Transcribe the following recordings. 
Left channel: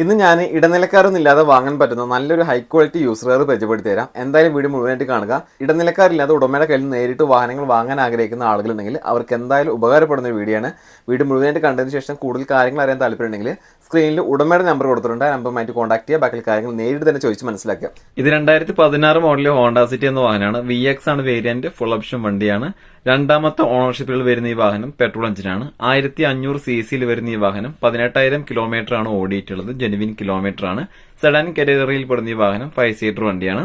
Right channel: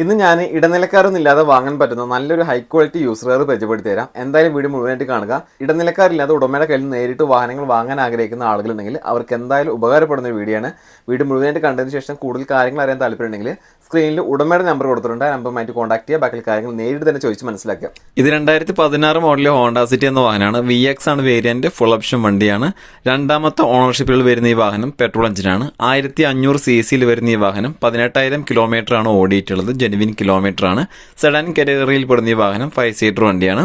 ഇന്ന് ഞാൻ ഇടനിലക്കാരൊന്നുമില്ലാതെ വാങ്ങാൻ പറ്റുന്ന നല്ലൊരു ഹൈ ക്വാളിറ്റി യൂസർ കാർ പരിചയപ്പെടുത്തി തരാം. എന്തായാലും വീഡിയോ മുഴുവനായിട്ട് കാണുക. ഇടനിലക്കാരില്ലാതെ ഉടമയുടെ കയ്യിൽ നിന്ന് നേരിട്ട് വാഹനങ്ങൾ വാങ്ങാൻ ആഗ്രഹിക്കുന്ന ആളുകളുണ്ടെങ്കിൽ അവർക്ക് എന്തായാലും ഉപകാരപ്പെടുന്ന ഒരു വീഡിയോ ആണ്. വീഡിയോ മുഴുവനായിട്ട് കണ്ടതിന് ശേഷം കൂടുതൽ കാര്യങ്ങൾ അറിയാൻ താല്പര്യമുണ്ടെങ്കിൽ സ്ക്രീനിൽ ഉടമയുടെ നമ്പർ കൊടുത്തിട്ടുണ്ട്. ആ നമ്പറുമായിട്ട് കോൺടാക്ട് ചെയ്യുക. ബാക്കി കാര്യങ്ങൾ നേരിട്ട് തന്നെ ചോദിച്ച് മനസ്സിലാക്കുക. ഇത് 2016 മോഡലിലെ ഹോണ്ട സിറ്റി എന്ന വാഹനമാണ്. VX ആണ് വേരിയന്റ്, ഫുൾ ഓപ്ഷൻ വണ്ടിയാണ്. രണ്ടാമത്തെ ഓണർഷിപ്പിൽ വരുന്ന ഈ വാഹനം പെട്രോൾ എഞ്ചിനാണ്. 1500 cc വരുന്ന ഈ വാഹനം 18,000 കിലോമീറ്റർ ആണ് ഓടിയിട്ടുള്ളത്. ജെനുവിൻ കിലോമീറ്റർ ആണ്. സെഡാൻ കാറ്റഗറിയിൽ പെടുന്ന ഈ വാഹനം 5 സീറ്റർ വണ്ടിയാണ്.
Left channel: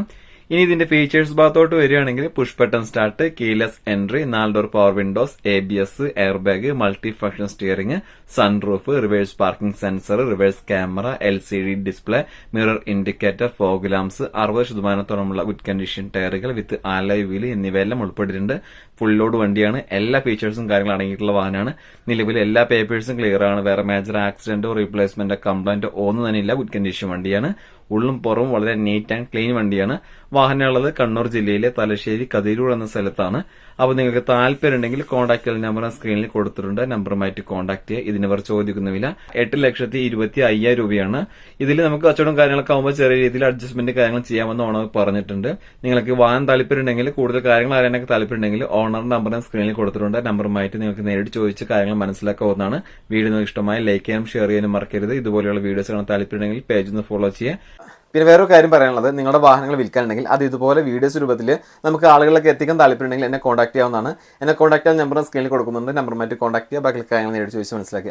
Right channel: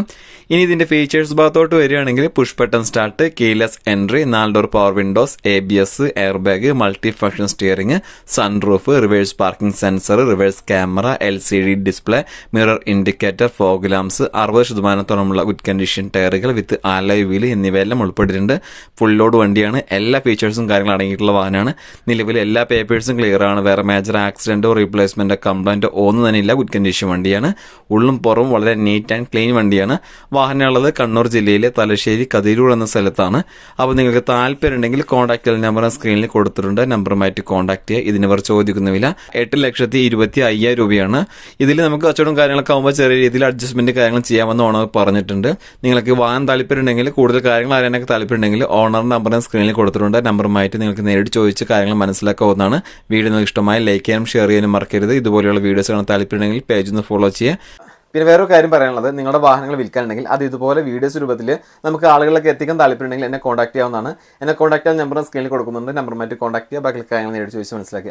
ഇനി ഇതിന്റെ ഫീച്ചേഴ്സ് ഭാഗത്തോട്ട് വരികയാണെങ്കിൽ push button start, keyless entry, 4 door power windows, ABS, air bag, multi function steering, sunroof, reverse parking sensor, reverse camera, LCD display, mirror indicator, fog lamps, 60% good condition ടയറുകൾ വിത്ത് ആലോയ് വീൽ എന്നിവയെല്ലാം ഉൾപ്പെട്ടിട്ടുണ്ട്. Full load വണ്ടിയാണ്. എല്ലാ ഫീച്ചേഴ്സും കാര്യങ്ങളും അടങ്ങിയിട്ടുള്ള വാഹനമാണ്. നിലവിൽ എല്ലാ പേപ്പേഴ്സും ക്ലിയർ ആണ്. വേറെ മേജർ ആക്സിഡന്റോ റീപ്ലേസ്മെന്റോ കംപ്ലൈന്റോ ഒന്നും തന്നെ ഇല്ല. ഗുഡ് കണ്ടീഷൻ വണ്ടിയാണ്. ഉള്ളും പുറവും വളരെ നീറ്റ് ആൻഡ് ക്ലീൻ വണ്ടിയാണ്. വാഹനമുള്ളത് കണ്ണൂർ ജില്ലയിലെ തലശ്ശേരി കതിരൂർ എന്ന സ്ഥലത്താണ്. അപ്പോൾ നിങ്ങൾക്ക് താല്പര്യം ഉണ്ടെങ്കിൽ കോൺടാക്ട് നമ്പർ സ്ക്രീനിൽ കൊടുത്തിട്ടുണ്ട്. നമ്പറുമായിട്ട് കോൺടാക്ട് ചെയ്യുക. ഇതിനിവർ ചോദിക്കുന്ന വില 8,25,000 രൂപയാണ്. ഇതിൽ നമുക്ക് കച്ചവടം കാര്യങ്ങളൊക്കെ ആകുമ്പോൾ ചെറിയ രീതിയിൽ അഡ്ജസ്റ്റ്മെന്റ് കാര്യങ്ങൾ ചെയ്യാമെന്ന് ഓണർ പറഞ്ഞിട്ടുണ്ട്. നിങ്ങൾക്ക് വാങ്ങാൻ താല്പര്യം ഉണ്ടെങ്കിൽ, കൂടുതൽ കാര്യങ്ങൾ അറിയാനൊക്കെ താല്പര്യം ഉണ്ടെങ്കിൽ ഓണർ നമ്പറിന് സ്ക്രീനിൽ കൊടുത്തിട്ടുണ്ട്. നമ്പറുമായിട്ട് നിങ്ങൾക്ക് നേരിട്ട് ചോദിച്ച് കാര്യങ്ങൾ മനസ്സിലാക്കാവുന്നതാണ്. വീഡിയോ നിങ്ങൾക്ക് ഇഷ്ടമായി ലൈക്ക് ചെയ്യാനും ഷെയർ ചെയ്യാനും മറക്കരുത്. ഇതുപോലെയുള്ള വീഡിയോസ് കാണാൻ താല്പര്യം ഉണ്ടെങ്കിൽ പേജ് ഒന്ന് ഫോളോ ചെയ്യുക. പിന്നെ വേറൊരു കാര്യം പറയാനുള്ളത്, നിങ്ങളുടെ വാഹനങ്ങൾ വിൽക്കാനുണ്ടെങ്കിൽ അത് ഇതുപോലെ വീഡിയോസ് രൂപത്തിൽ നമുക്ക് ആളുകളിലേക്ക് എത്തിക്കാൻ താല്പര്യമുണ്ടെങ്കിൽ എന്നെ കോൺടാക്ട് ചെയ്യാവുന്നതാണ്. എന്നെ കോൺടാക്ട് ചെയ്യാൻ നമ്പർ സ്ക്രീനിൽ കൊടുക്കുന്നുണ്ട്. നമ്പറുമായിട്ട് കോൺടാക്ട് ചെയ്യുക. ബാക്കി കാര്യങ്ങൾ നേരിട്ട് ചോദിച്ച് മനസ്സിലാക്കുക.